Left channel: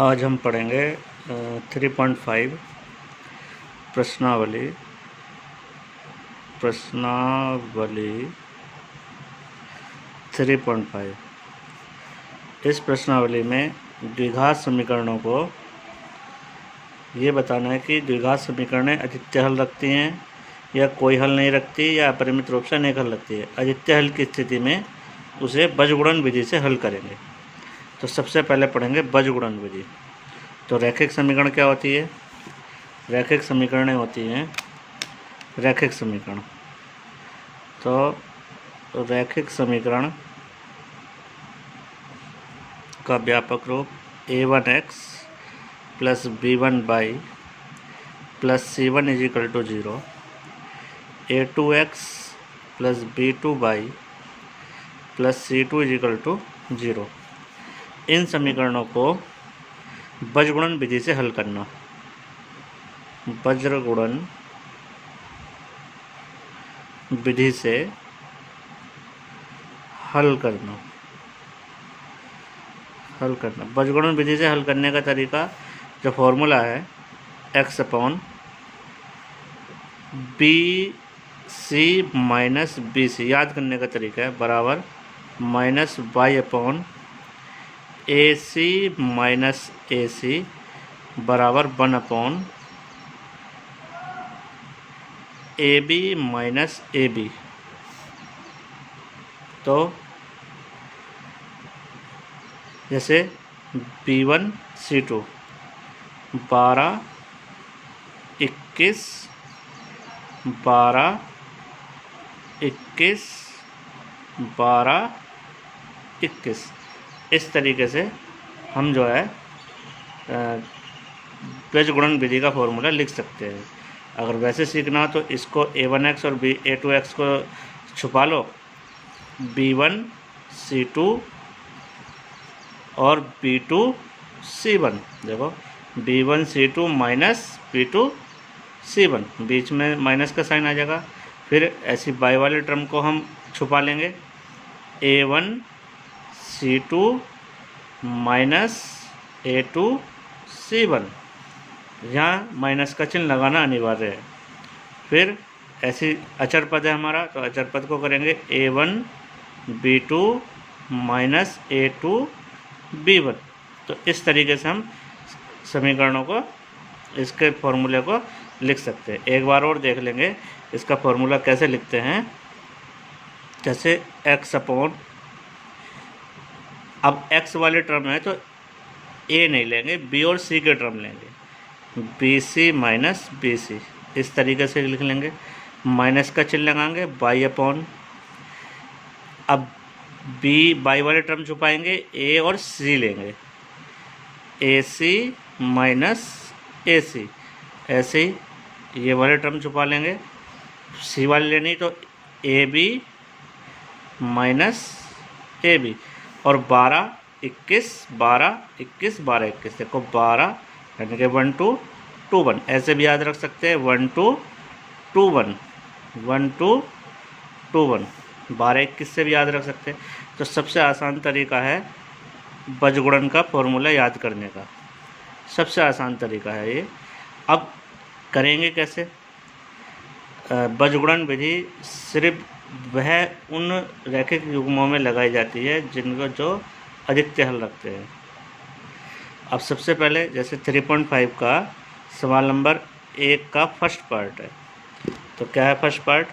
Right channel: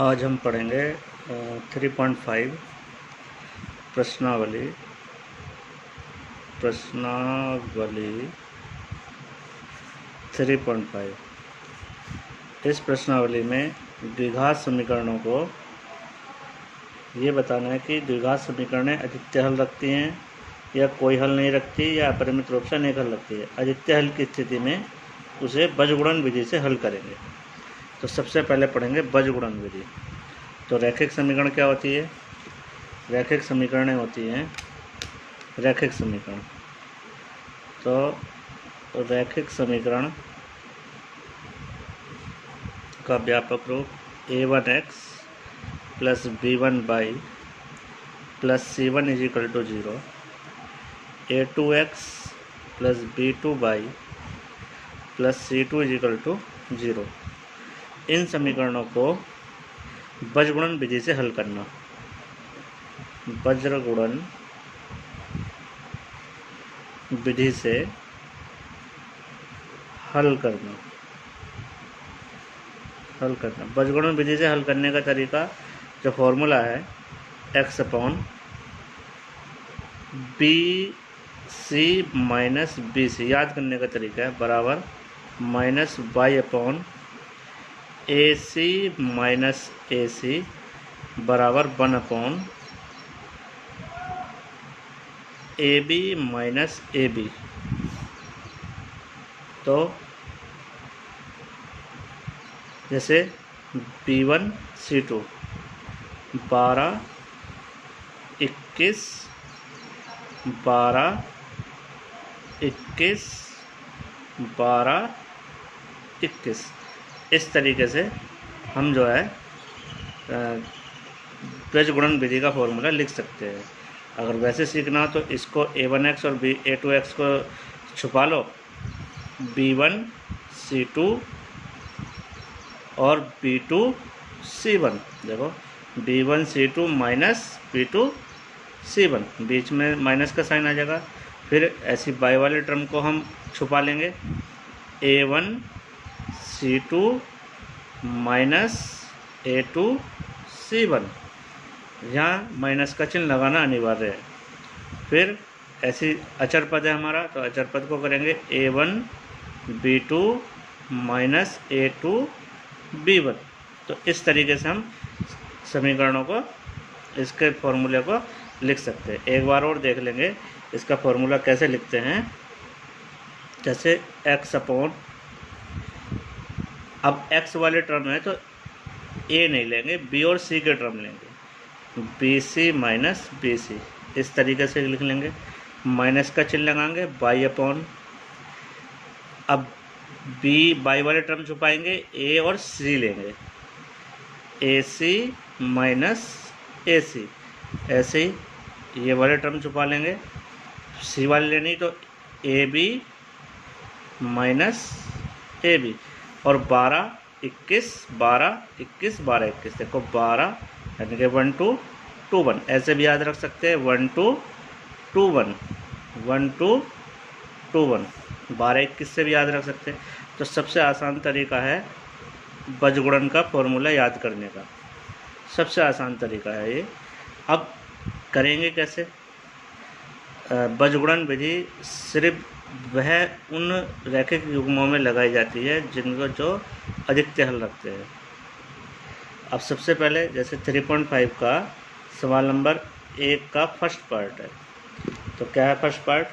आज हम पढ़ेंगे 3.5 प्रश्नावली 3.5। इस प्रश्नावली में द्विघात समीकरणों को ये बताना है कि द्विघात समीकरणें अद्वितीय हल रखती हैं या कोई हल नहीं रखती या अपरिमित रूप से अनेक हल रखती है। अद्वितीय हल की स्थिति में उसे बीजगुणन विधि से हल करेंगे। तो सबसे पहले पढ़ेंगे बीजगुणन विधि। तो रैखिक समीकरण क्या होती है? रैखिक समीकरणें होती हैं रैखिक समीकरण। तो रैखिक समीकरण का व्यापक रूप a1x plus b1y plus c1 = 0, a2x plus b2y plus c2 = 0। इन समीकरणों को बीजगुणन विधि से हल करना। बीजगुणन विधि से हल करना। बीजगुणन विधि से हल करने का तरीका, जो फॉर्मूला है x/bc माइनस bc, याद करने का तरीका है, बराबर -y/ac माइनस ac बराबर 1/ab माइनस ab। तो जैसे b1 c2 12 21 12 21 12 21, इस तरीके से हम जो है बीजगुणन विधि का फॉर्मूला लिख सकते हैं। अगर वैसे सीखना हो तो इसको a1x और a2x को छुपा लो, b1 c2 और b2 c1। देखो b1 c2 minus b2 c1, बीच में माइनस का साइन आ जाएगा। फिर ऐसी बाई वाले टर्म को हम छुपा लेंगे, a1 c2 minus a2 c1, यहाँ माइनस का चिन्ह लगाना अनिवार्य है। फिर ऐसी अचर पद है हमारा, तो अचर पद को करेंगे a1 b2 minus a2 b1। तो इस तरीके से हम समीकरणों को, इसके फॉर्मूले को लिख सकते हैं। एक बार और देख लेंगे इसका फॉर्मूला कैसे लिखते हैं। जैसे अब x वाले टर्म है तो a नहीं लेंगे, b और c के टर्म लेंगे, bc माइनस bc, इस तरीके से लिख लेंगे। माइनस का चिन्ह लगाएंगे y/, अब बाई वाले टर्म छुपाएंगे, a और c लेंगे, ac माइनस ac, ऐसे ये वाले टर्म छुपा लेंगे। c वाले लेनी तो ab माइनस ab, और 12 21 12 21 12 21, देखो 12 यानी कि 1 2 2 1, ऐसे भी याद रख सकते हैं 1 2 2 1 1 2 2 1, 12 21 से भी याद रख सकते हैं। तो सबसे आसान तरीका है बीजगुणन का फॉर्मूला याद करने का, सबसे आसान तरीका है ये। अब करेंगे कैसे? बीजगुणन विधि सिर्फ वह उन रैखिक युग्मों में लगाई जाती है जिनको जो अद्वितीय हल रखते हैं। अब सबसे पहले जैसे 3.5 का सवाल नंबर 1 का फर्स्ट पार्ट है, तो क्या है first part?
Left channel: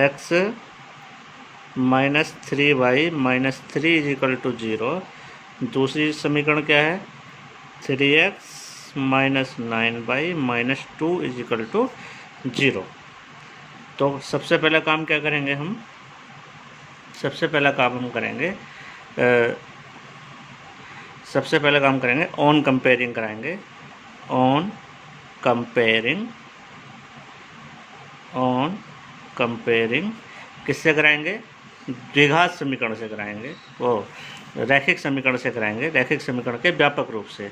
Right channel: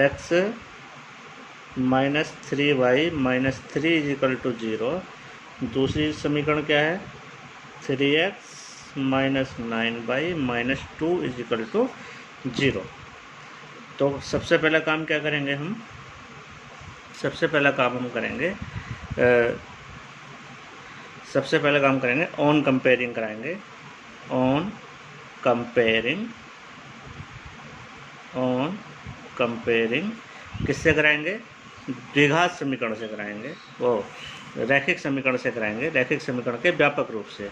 x minus 3y minus 3 = 0। दूसरी समीकरण क्या है? 3x minus 9y minus 2 = 0। तो सबसे पहला काम क्या करेंगे हम? सबसे पहला काम करेंगे ऑन कंपेयरिंग कराएंगे। ऑन कंपेयरिंग किससे कराएंगे? द्विघात समीकरण से कराएंगे, वो रैखिक समीकरण से कराएंगे, रैखिक समीकरण के व्यापक रूप से।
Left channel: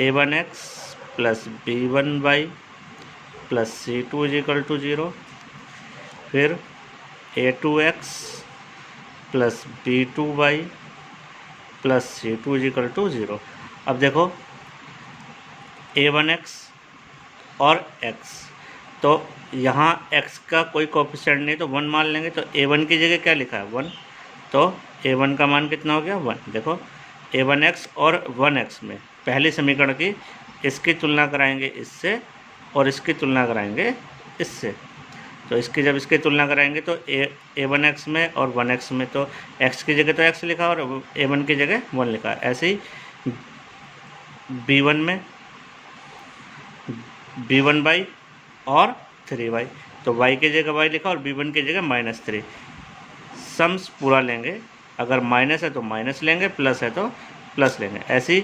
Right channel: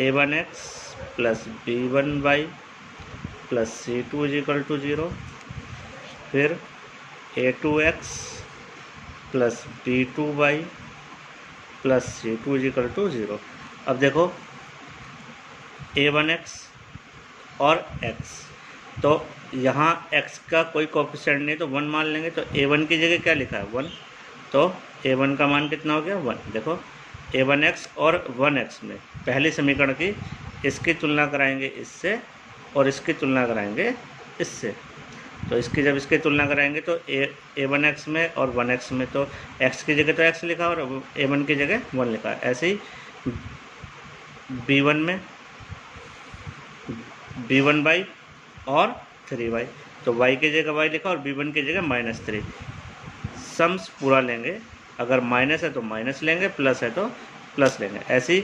a1x plus b1y plus c2 = 0, फिर a2x plus b2y plus c2 = 0। अब देखो a1x और x, तो यहाँ x का कोई कोफिशिएंट नहीं तो 1 मान लेंगे। तो a1 की जगह क्या लिखा है 1, तो a1 का मान कितना हो गया 1। देखो a1x और 1x में पहली समीकरण की इसकी तुलना कराएंगे इससे और इसकी तुलना कराएंगे इससे। तो इसकी जब इसकी तुलना कराएंगे तो a1x में और 1x में तो x की जगह तो x लिखा और a1 की जगह 1 लिखा। ऐसे ही b1 में b1y और 3y, तो y की जगह y लिखा और b1 की जगह -3। सम्स पूरा लेंगे, अगर माइनस है तो माइनस लेंगे, प्लस है तो प्लस लेंगे। ऐसे ही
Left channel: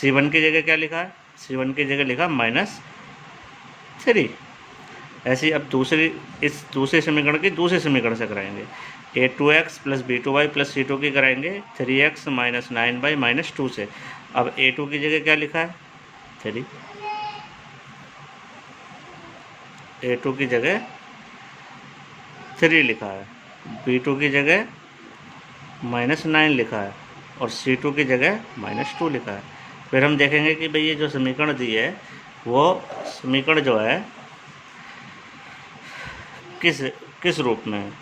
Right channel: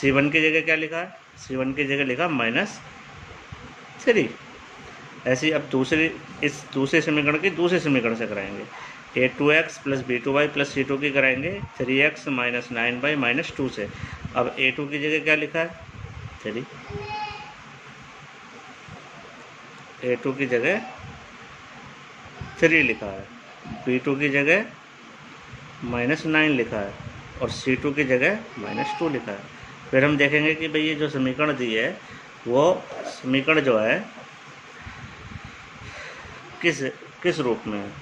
c1 की जगह क्या लिखा है, c1 की जगह लिखा -3। ऐसे ही अब इस दूसरे समीकरण की दूसरे समीकरण से कराएंगे। a2x + b2y + c2 की कराएंगे 3x - 9y - 2 से। अब a2 की जगह क्या लिखा है 3, a2 की जगह 3 लिखा है, b2 की जगह -9 लिखा है और c2 की जगह -2 लिखा है। फिर हम देखेंगे कि भाई ये जो समीकरण दी है वो समीकरण जो है किस रूप में है,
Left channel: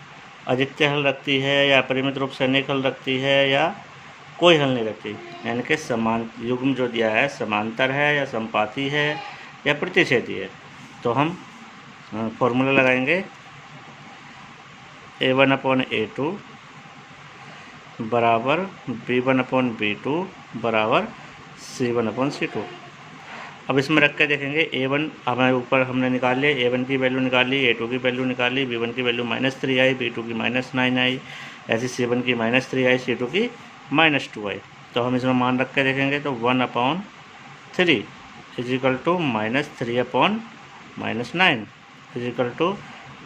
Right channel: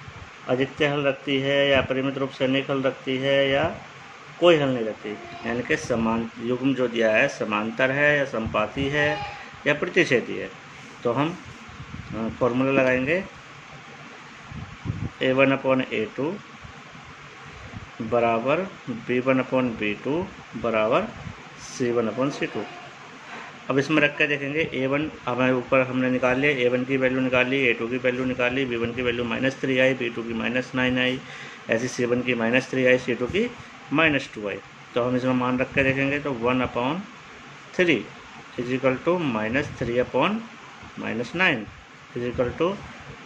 अधिकत्य हल रखती है या परिमित रूप से अनेक हल रखती है या कोई हल नहीं रखती। यानी कि समान युग्म जो दिया है समांतर है या संपाती है या प्रतिच्छेदी है। तो हम फॉर्मूला लगाएंगे a1/a2 बराबर b1/b2 बराबर c1/c2। अब इसमें रख के देखेंगे a1 हमारे ऊपर हमने निकाल लिया, a1 की वैल्यू निकाल ली, a2 की वैल्यू निकाल ली, b1 की वैल्यू -3 आई, b2 की -9 आई, ऐसे c1 की -3 आई, c2 की -2 आई। तो हम इसमें मान रख के देखेंगे तो 1/3 इजिकल टू -3/-9 इजिकल टू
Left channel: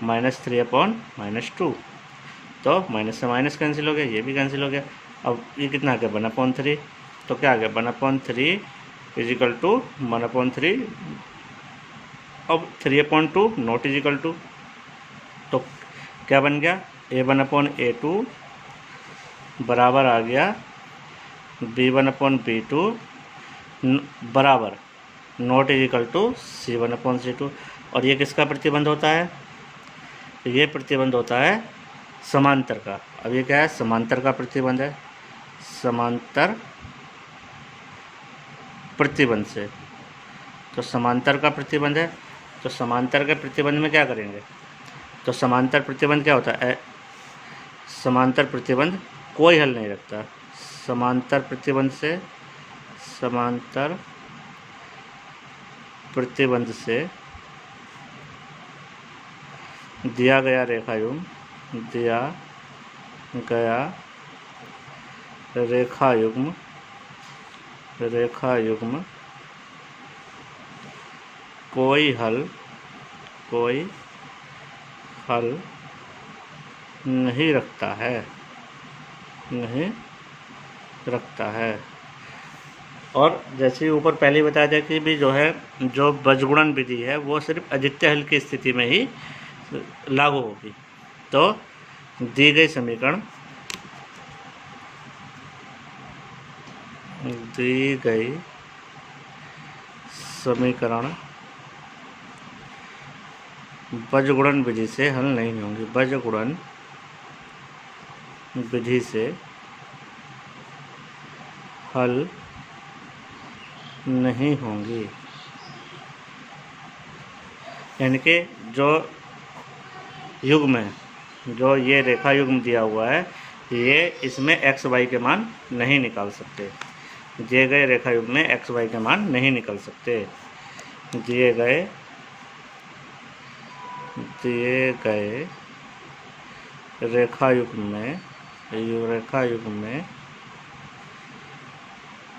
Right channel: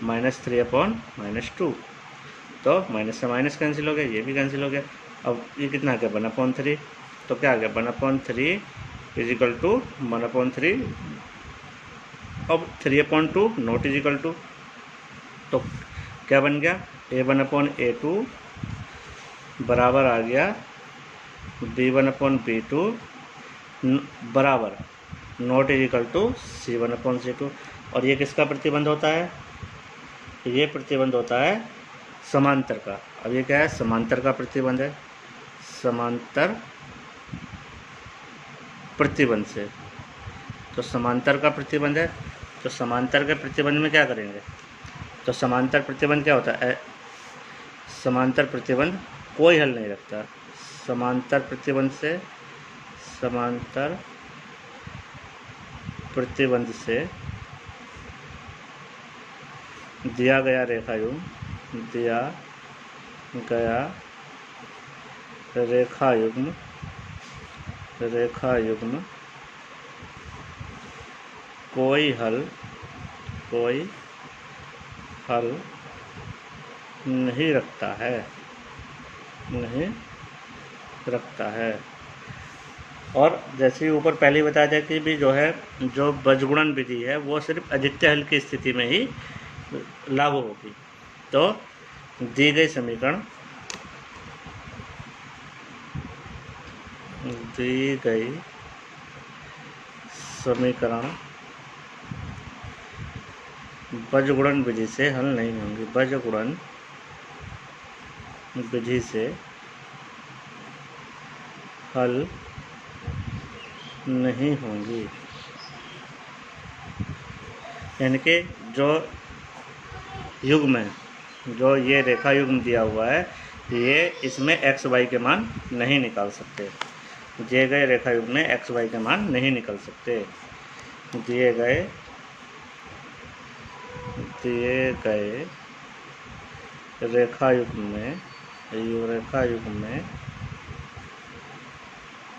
-3/-2। तो माइनस से माइनस कैंसिल हो गया, ये भी कैंसिल हो गया। अब ये कितना आ गया 1/3, तो क्या आ गया 1/3 इजिकल टू 1/3। अब 3/2 नॉट इजिकल टू, तो क्या बन गया a1/a2 बराबर आ गया b1/b2 बराबर नॉट इजिकल टू c1/c2। और ये किसका प्रतिबंध होता है, ये प्रतिबंध होता है समांतर का। अब ये क्या है समांतर का प्रतिबंध है, समांतर प्रतिबंध से। तो समांतर का प्रतिबंध है, तो समांतर के प्रतिबंध में क्या करेंगे, तो समांतर प्रतिबंध क्या होता है, समांतर प्रतिबंध कोई हल नहीं रखता। समांतर प्रतिबंध से दिया गया रेखायुग्म कोई हल नहीं रखता है। और जैसे ही ऊपर पहले बताया था कि भी जो है जो बीजगुणन विधि है वो सिर्फ अधिकत्य हल की स्थिति में ही लागू होगी। तो दी गई समीकरण बीजगुणन विधि से हल नहीं होंगी, बीजगुणन विधि से हल नहीं होंगी। यानी कि जो युग्म है, जो ये रेखा युग्म दिया हुआ है, ये इसमें x y के मान नहीं निकाल सकते। दिए गए रेखा युग्म में x y के मान नहीं निकल सकते। दिए गए रेखा युग्म में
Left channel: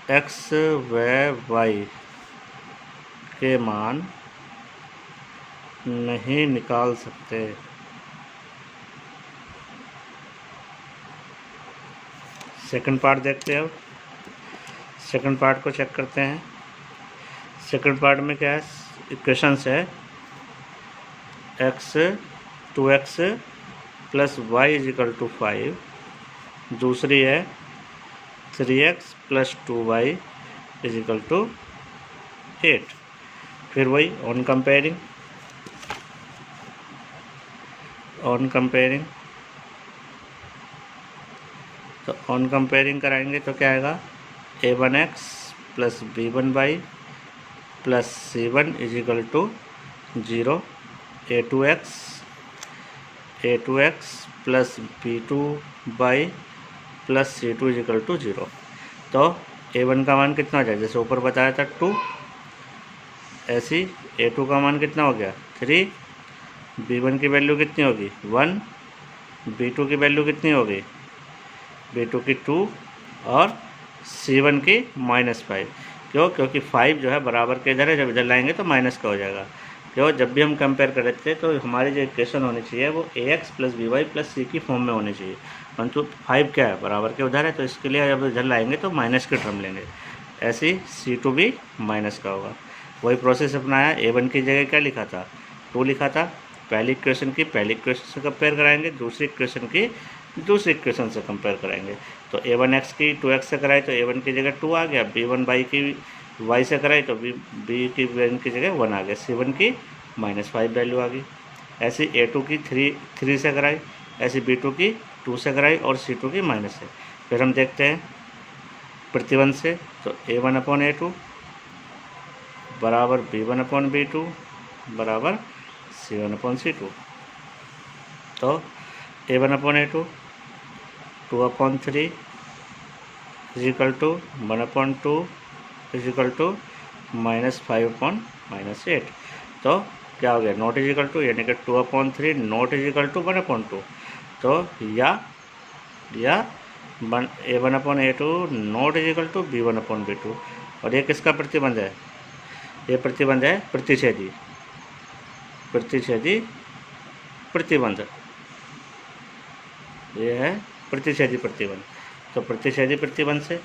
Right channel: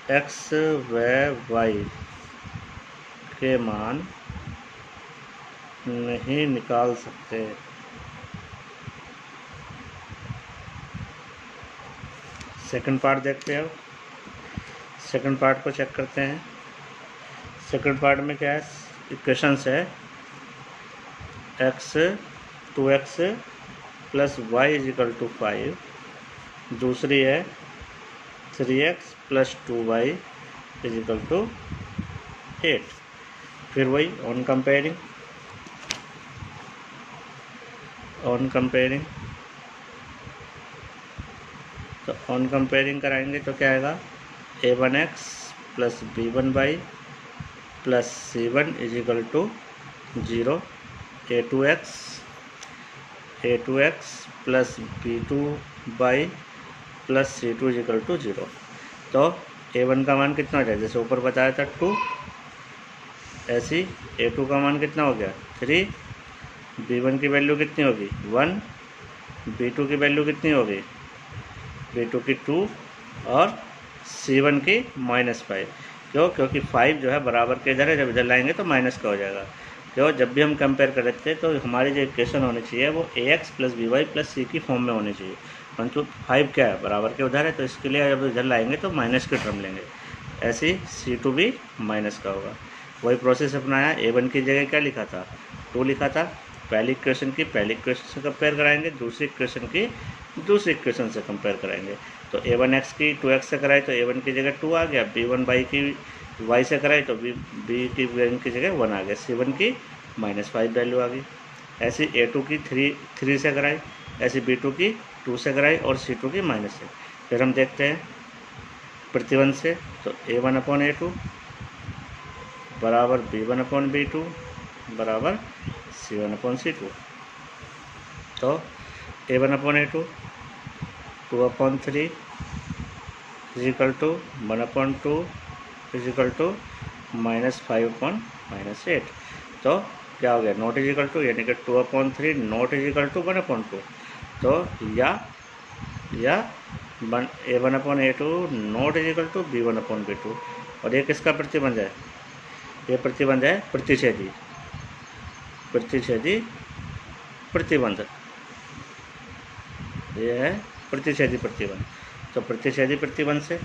x व y के मान नहीं निकाल सकते। सेकंड पार्ट देखते हैं। अब सेकंड पार्ट को चेक करते हैं। सेकंड पार्ट में क्या है, इक्वेशंस है x 2x + y = 5, दूसरी है 3x + 2y is equal to 8। फिर वही ऑन कंपेयरिंग तो ऑन कंपेयरिंग कराएंगे तो क्या आएगा, a1x plus b1y plus c1 is equal to 0, a2x plus b2y plus c2 is equal to 0। तो a1 का मान कितना हो जाए, जैसे ऊपर बताया था 2, ऐसी a2 का मान कितना हो गया 3, b1 की वैल्यू कितनी होगी 1, b2 की वैल्यू कितनी होगी b2 की 2 और c1 की -5। क्यों, क्योंकि 5 जो है बराबर के इधर है, जब इधर लाएंगे तो माइनस का हो जाएगा। जो जब भी हम कंपेयर कर रहे थे तो हमारी जो इक्वेशन होनी चाहिए वो ax plus by plus c की फॉर्म में होनी चाहिए, परंतु 5 क्या है बराबर के उधर है, तो इसके लिए जब इधर लाएंगे तो माइनस के टर्म लेंगे। ऐसे ही c2 भी माइनस का होगा। वही प्रोसेस अपनाया, a1 की जगह क्या लिखा था 2 लिखा था, पहली इक्वेशन की पहली इक्वेशन से कंपेयर कराएंगे, दूसरी इक्वेशन की दूसरी इक्वेशन से कंपेयर कराएंगे। तो a1x की 2x से कराए तो a1 की जगह 2 आ गया, b1y की y से कराए तो b की वैल्यू की जगह 1 आ गया, c1 की -5 वैल्यू आ गई। ऐसी a2 की 3 से कराई, ऐसी b2 की 2 से कराई और c2 की -। से फिर हम देखते हैं प्रतिबंध से, तो a1/a2 बराबर b1/b2 बराबर c1/c2। तो a1/a2 2/3 is equal to 1/2 is equal to -5/-8। तो क्या हो गया, नॉट इज इक्वल टू, यानी कि 2/3 नॉट इज इक्वल टू 1/2। तो या a1/a2 not is equal to b1/b2। और ये किसका प्रतिबंध है, ये प्रतिबंध है प्रतिच्छेदी प्रतिबंध, ये है प्रतिच्छेदी प्रतिबंध। तो प्रतिच्छेदी प्रतिबंध से